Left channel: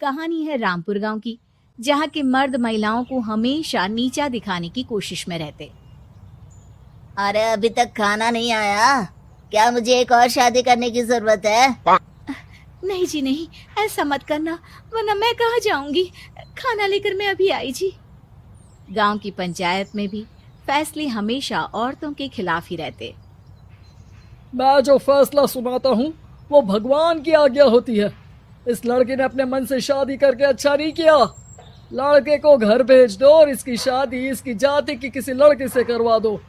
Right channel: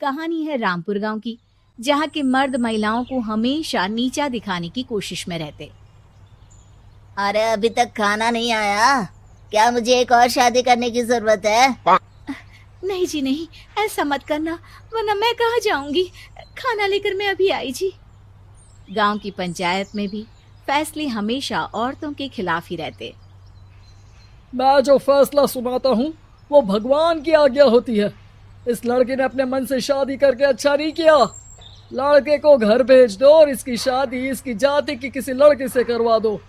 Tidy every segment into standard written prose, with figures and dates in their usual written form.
कहानी है रामपुर गांव की, जहां के मर्द महिलाओं को हमेशा नीचा दिखाने की कोशिश में रहते। अरे अभी तक खाना नहीं आया क्या? मुझे एक और शादी करने की जरूरत है। नहीं जी नहीं, ऐसा मत करना, वरना मैं कहाँ जाऊंगी। खाना लेकर मैं अभी आई जी। गांव की पंचायत में भी फैसले हमेशा औरतों के खिलाफ ही रहते। मैं जो फैसला सुनाता हूँ वो भगवान की आज्ञा होती है। इस लड़के ने अपने मन से शादी करके अच्छा नहीं किया। लड़के को घर भेज दो और इसकी शादी इसकी जाति की किसी लड़की से करवा दो।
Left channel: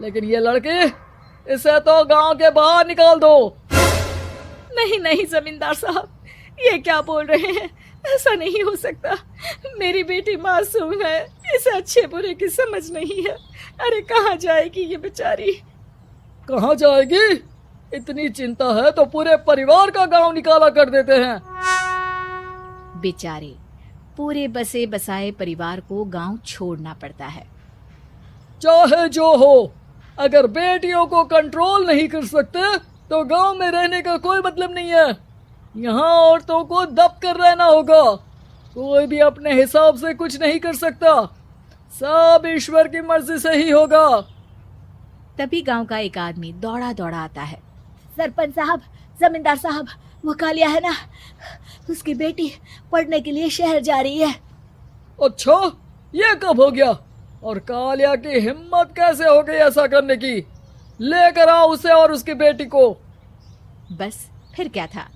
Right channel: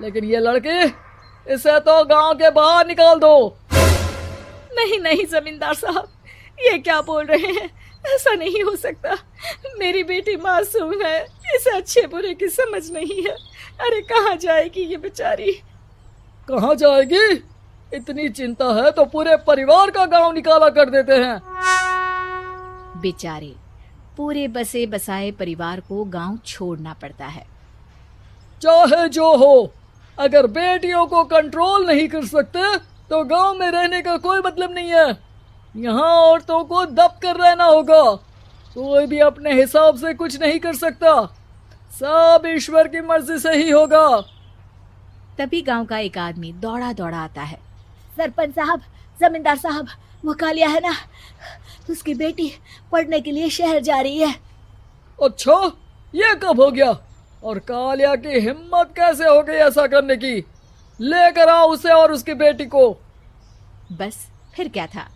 लेकिन ये लड़की, इसे तो गांव के बाहर निकाल दो। नहीं नहीं जमींदार साहब, ये क्या बोल रहे हैं? ऐसा नहीं हो सकता। मेरी बेटी मासूम है, इसे अच्छे बुरे की समझ नहीं है। अरे कहाँ जाएगी ये बेचारी? कहाँ जाएगी? इतनी चिंता है तो पूरे परिवार का गांव निकाला कर देते हैं। बेचारे पूरे बसे बसाए परिवार को गांव छोड़ना पड़ता है। चाहे जो हो, अगर बेटियों को कंट्रोल नहीं कर सकते तो गांव में रहने का कोई मतलब नहीं है। यहाँ औरतों को दब कर रहना होगा। कोई भी अपने हिसाब से कुछ नहीं कर सकता, सब ईश्वर की मर्जी से ही होगा। तभी गांव का एक आदमी दौड़ा दौड़ा आता है। सरपंच साहब, जमींदार साहब, वो कालिया है ना, उसकी बेटी पढ़ने के लिए शहर जा रही है। अच्छा, ये कब हो गया? और कालिया की हिम्मत कैसे हो गई ऐसा करने की? लेकर आओ उसे और उसकी बेटी को। बस फिर क्या था,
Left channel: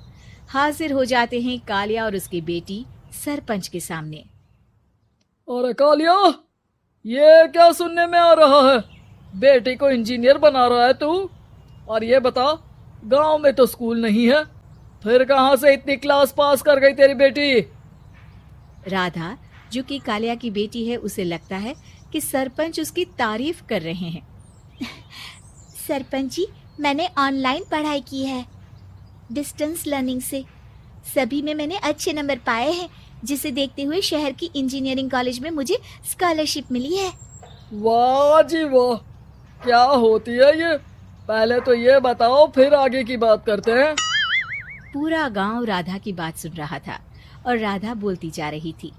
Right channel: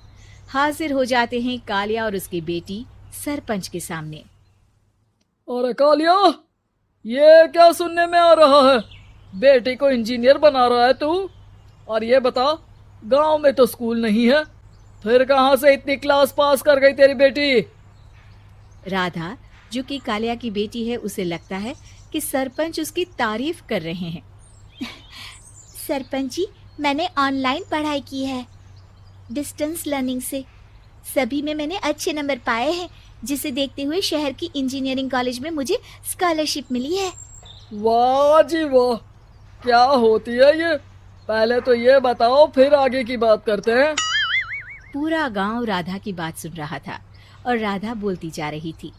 हाजिर हो जाते हैं कालिया और उसकी बेटी सरपंच के सामने। अरे कालिया, ये क्या सुनने में आ रहा है? बेटी को इंजीनियर बना रहा है तू? और ये बता, गांव में तो स्कूल नहीं है, फिर कहां से इतनी क्लास पास कर गई तेरी बेटी? राधा, जो कि कालिया की बेटी है, उसे लगता है कि सरपंच उसकी तारीफ कर रहे हैं। सरपंच जी, मैंने ऑनलाइन पढ़ाई की है, डिस्टेंस लर्निंग से। सभी में मैंने अच्छे नंबर पाए हैं, जिसे देखते हुए शहर की इंजीनियरिंग कॉलेज में मुझे स्कॉलरशिप मिली है। वाह जी वाह, क्या होती है ये? पहले तो ये बताओ, फिर आगे की बात करते हैं। पूरा गांव राधा की बात सुन रहा था और राधा बोलती जा रही थी।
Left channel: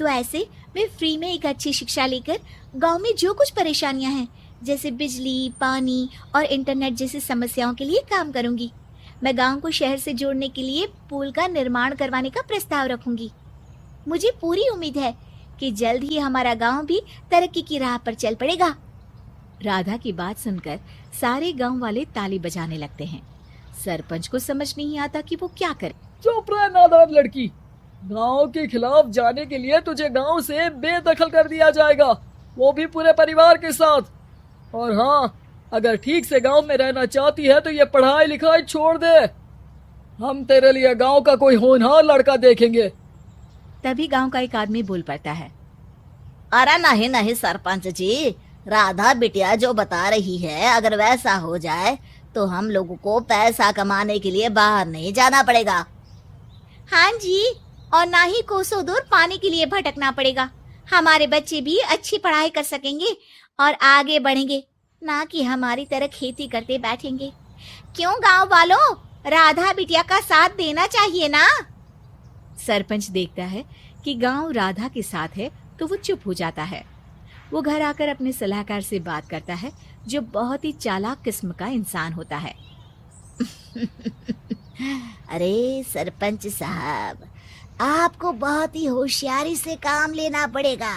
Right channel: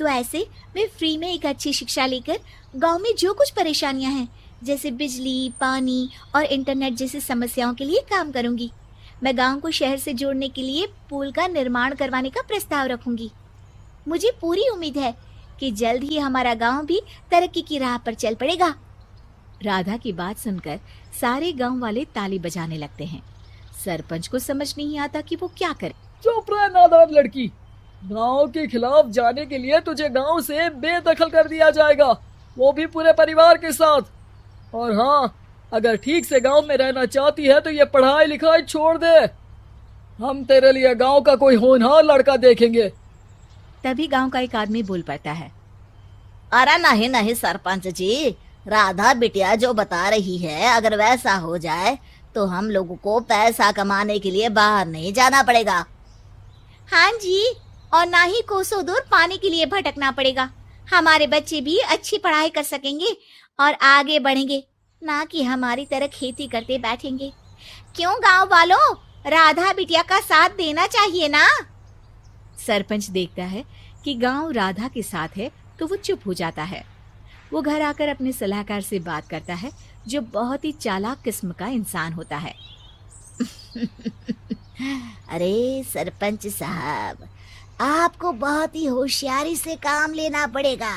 तो ऐसे मैं फ्री में एक अच्छी शिक्षा लेकर गांव में जो कुछ परेशानियां हैं, जैसे बिजली, पानी और इंटरनेट जैसी समस्याओं के लिए काम करूंगी। मैं गांव को शहर से जोड़ने के लिए पुल का निर्माण करवाने का प्रस्ताव रखूंगी। मुझे पूरी उम्मीद है कि जल्द ही हमारा गांव भी तरक्की की राह पर चल पड़ेगा। राधा की बात सुनकर सारे गांव वाले ताली बजाने लगते हैं। सरपंच को समझ नहीं आता कि वो क्या करे। चुप रह नादान लड़की, गांव के खिलाफ जाने के लिए तुझे गांव से बेदखल कर दिया जाएगा, वो भी पूरे परिवार के साथ। और हाँ, अगर ठीक से गांव में रहना चाहती है तो ये पढ़ाई लिखाई छोड़ दे। हम तेरे लिए गांव का कोई होनहार लड़का देखेंगे। तभी गांव का एक आदमी बोल पड़ता है। अरे नहीं नहीं सरपंच जी, राधा बिटिया जो बता रही है, अगर वैसा हो जाए तो हम लोगों को पैसा कमाने के लिए बाहर नहीं जाना पड़ेगा। हाँ जी, और ना ही कोसों दूर पानी के लिए भटकना पड़ेगा। हमारे बच्चे भी अच्छी पढ़ाई कर सकेंगे और आगे बढ़ेंगे, ना कि हमारी तरह खेती करते बैठेंगे। क्यों गांव वालों, राधा बिटिया का साथ देना चाहिए ना। सरपंच देखता है कि गांव राधा के साथ है तो वो चुप हो जाता है। वो घर आकर अपने सलाहकार से बात करता है, जो बहुत ही चालाक किस्म का इंसान होता है। अरे सरपंच साहब, आपको बहुत ही होशियारी से काम लेना पड़ेगा।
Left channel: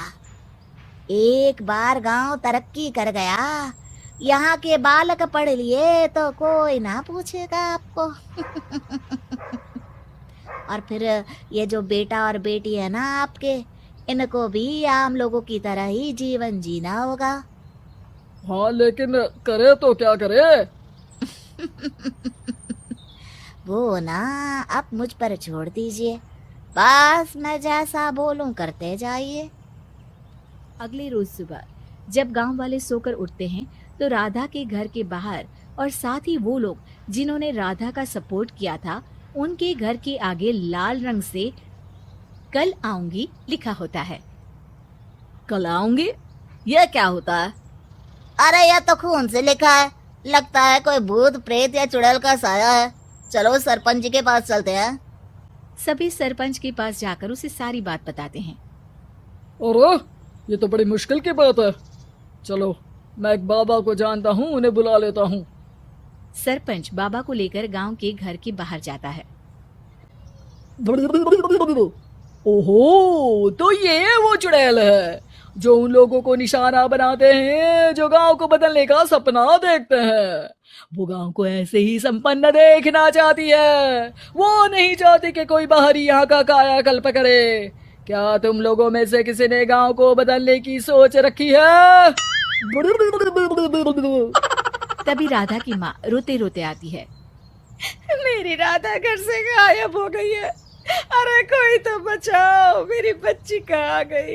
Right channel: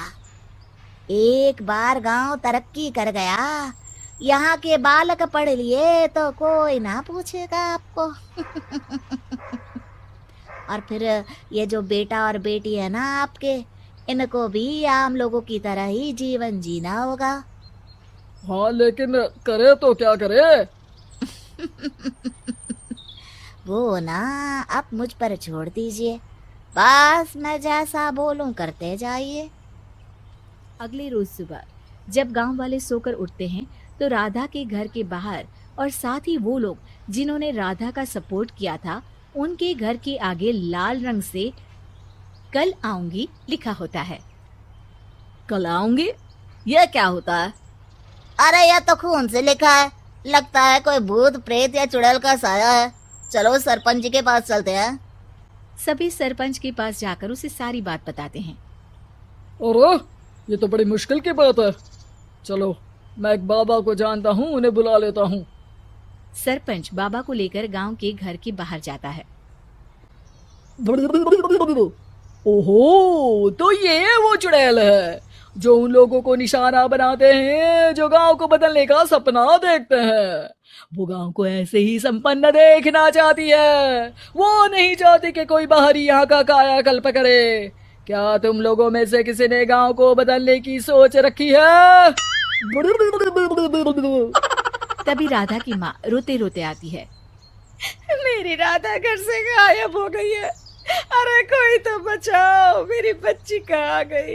एक बार गांव तरक्की कर गया, यहाँ के बालक पढ़ लिए तो कोई ना पूछेगा आपको। और फिर ये जो बेटा और बेटी है ना आपके, इनको भी आम लोगों की तरह ही जीवन जीना होगा। हाँ, लेकिन करे तो क्या करे? वो ना अब मुझ पर छोड़ दीजिए, बस मैं जैसा बोलूं करते जाइए। अगली रोज सुबह जब गांव वाले सोकर उठते हैं तो राधा के घर के बाहर और साथ ही वो लोग जिन्होंने राधा का सपोर्ट किया था, उनके घर के आगे लाल रंग से कल आऊंगी लिखा होता है। कल आऊंगे? यह क्या होता है? अरे यह तो खून से लिखा है, लगता है कोई भूत प्रेत या चुड़ैल का साया है। चलो सरपंच जी के पास चलते हैं। सभी सरपंच के पास जाकर उसे सारी बात बताते हैं। अरे ये तो बड़ी मुश्किल की बात है। चलो मैं एक बाबा को जानता हूँ, उन्हें बुला लेता हूँ। सरपंच बाबा को लेकर गांव के घर के बाहर जाता है। ओहो, तो ये वो चुड़ैल है जो उन लोगों को निशाना बनाते हैं जो गांव को बदलने का सपना देखते हैं। वो गांव को ऐसे ही संपन्न देखना चाहती है। वो नहीं चाहती कि कोई बाहरी यहाँ का कायाकल्प करे। क्या तुम लोगों में से किसी ने गांव को बदलने की सोच रखी है? तभी राधा की माँ रोते रोते आती है। मेरी राधा घर से गायब हो गई है। अरे कोई तो बचाओ, मेरी बच्ची कहाँ गई?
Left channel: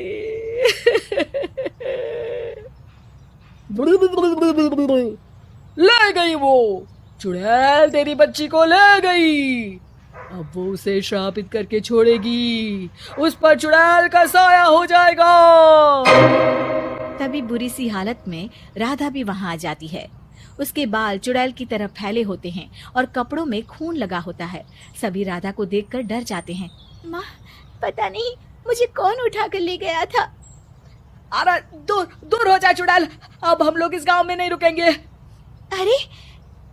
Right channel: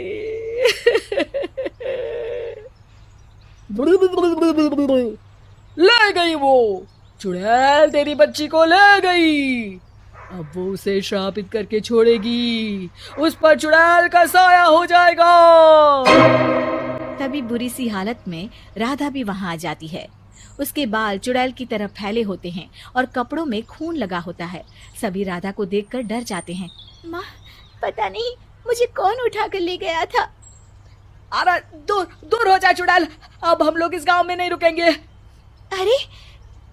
ले गई वो चुड़ैल, तेरी बच्ची को ले गई। अब वो उसे श्रापित करके छोड़ेगी, उस पर चुड़ैल का साया हो जाएगा। तभी बुरी सी हालत में राधा भी वहां आ जाती है। उसके बाल चुड़ैल की तरह फैले होते हैं और कपड़ों में खून लगा होता है। सभी राधा को देखकर डर जाते हैं। माँ, पता नहीं मुझे कौन उठा कर ले गया था। अरे दूर दूर हो जा चुड़ैल, अब हम लोग इस गांव में नहीं रुकेंगे। अरे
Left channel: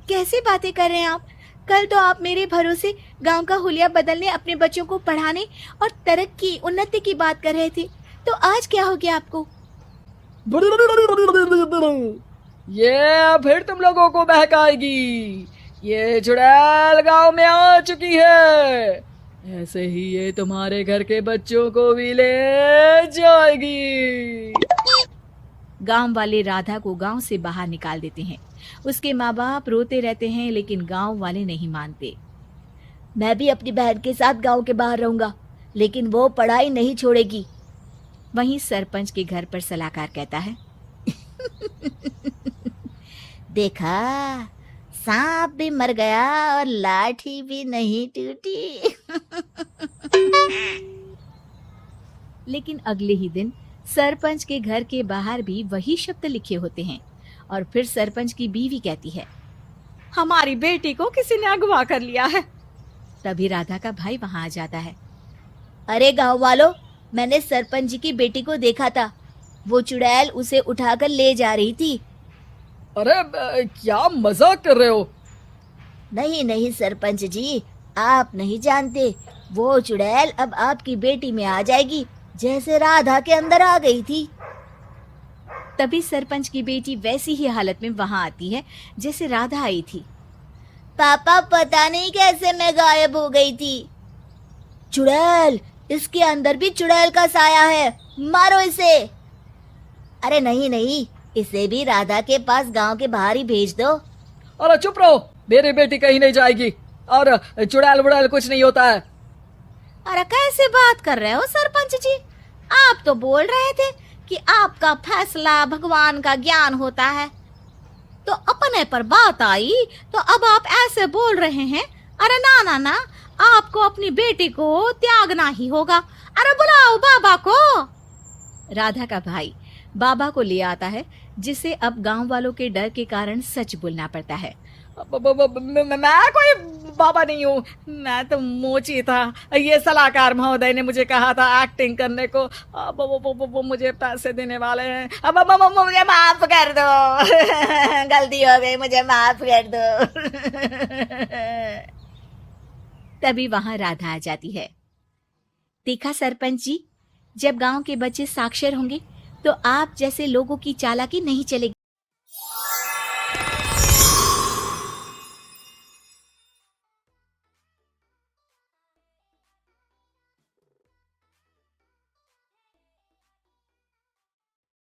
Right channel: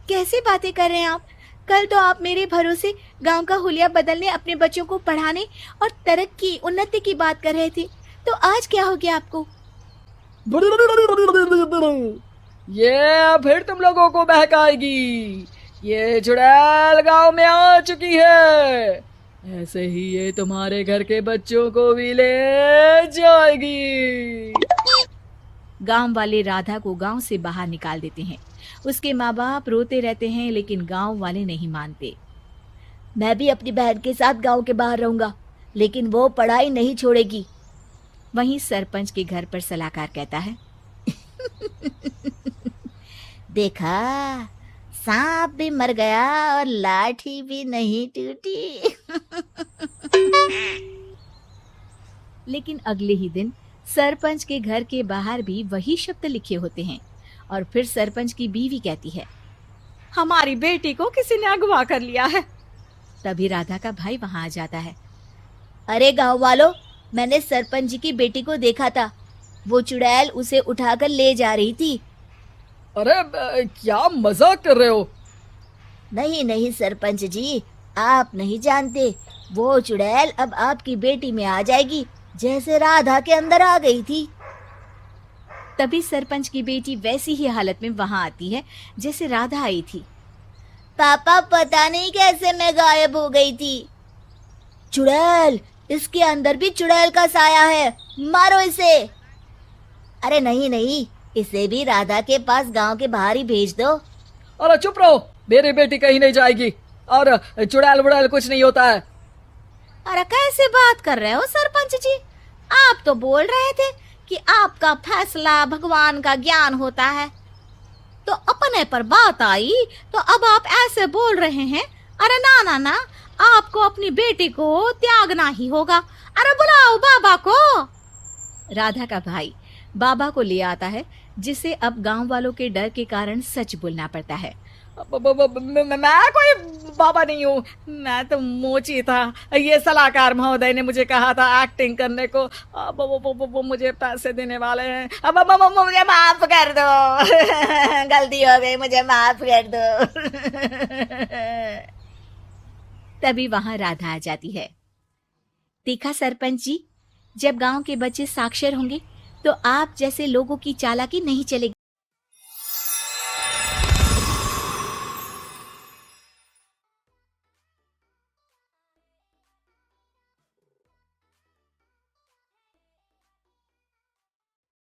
कैसे बातें कर रहे हैं आप? कल तो आप मेरे भरोसे गांव का हुलिया बदलने, अपने बच्चों को पढ़ाने और तरक्की उन्नति की बात कर रहे थे, तो आज क्या हो गया आपको? ये फिर तुम लोगों को बहकाएगी। ये चुड़ैल गांव में आ चुकी है, ऐसे ही ये तुम्हारे घर के बच्चों को भी ले जाएगी। गांव वाले राधा को गांव से बाहर निकाल देते हैं। उसके माँ बाप रोते रहते हैं, लेकिन गांव वाले नहीं मानते। मैं भी अपनी बहन के साथ गांव के बाहर रहूंगा, लेकिन वो पढ़ाई नहीं छोड़ेगी। वहीं सरपंच के घर पर सलाहकार कहता है। देखा, सांप भी मर गया और लाठी भी नहीं टूटी। लेकिन अगले ही दिन सरपंच के घर के बाहर भी वही शब्द लिखे होते हैं। और फिर सरपंच की बीवी कहती है, हमारी बेटी को किसी ने अगवा कर लिया है। तभी राधा का भाई वहां आ जाता है। अरे गांव वालों, मैंने सरपंच जी की बेटी को देखा था। वो चुड़ैल उसे उठाकर ले जा रही थी। अरे क्या मजाक कर रहे हो? नहीं नहीं सरपंच जी, आप नहीं जानते। वो चुड़ैल अब आपकी बेटी में आ जाएगी, जैसे राधा के अंदर आ गई थी। तभी सरपंच की बेटी वैसी ही हालत में वहां आती है जैसे राधा आई थी। पापा, पता नहीं कैसे मैं गायब हो गई थी। चुड़ैल, इसके अंदर भी चुड़ैल का साया है, मारो इसे। अरे नहीं नहीं, इसे भी राधा के पास गांव के बाहर ही भेज दो। अरे चुप रहो, मेरी बेटी कहीं नहीं जाएगी और चुड़ैल वुड़ैल कुछ नहीं होता है। अरे कैसे बात कर रहे हो सरपंच जी? आप तो बोल रहे थे कि आपका फैसला भगवान का ज्ञान होता है, तो अपने पर बात आई तो अब आप ऐसे बोल रहे हैं। अरे ना ना ना, आपको अपनी बेटी को त्यागना ही होगा। अरे बुलाओ बाबा को। राधा का भाई बाबा को ले आता है, जिसे अब गांव वालों के डर के कारण सच बोलना पड़ता है। मैं कोई बाबा नहीं हूँ, मैं तो मोची था। ये सलाहकार महोदय ने मुझे कहा था एक्टिंग करने को। वो मुझे पैसे देने वाले हैं। अब मुझे माफ कर दो। गलती हो गई, मुझे माफ कर दो। तभी वहां राधा आ जाती है। देखा सरपंच जी, जब गांव के बच्चे साक्षर होंगे तो आप जैसे लोगों की चालाकी नहीं चलेगी।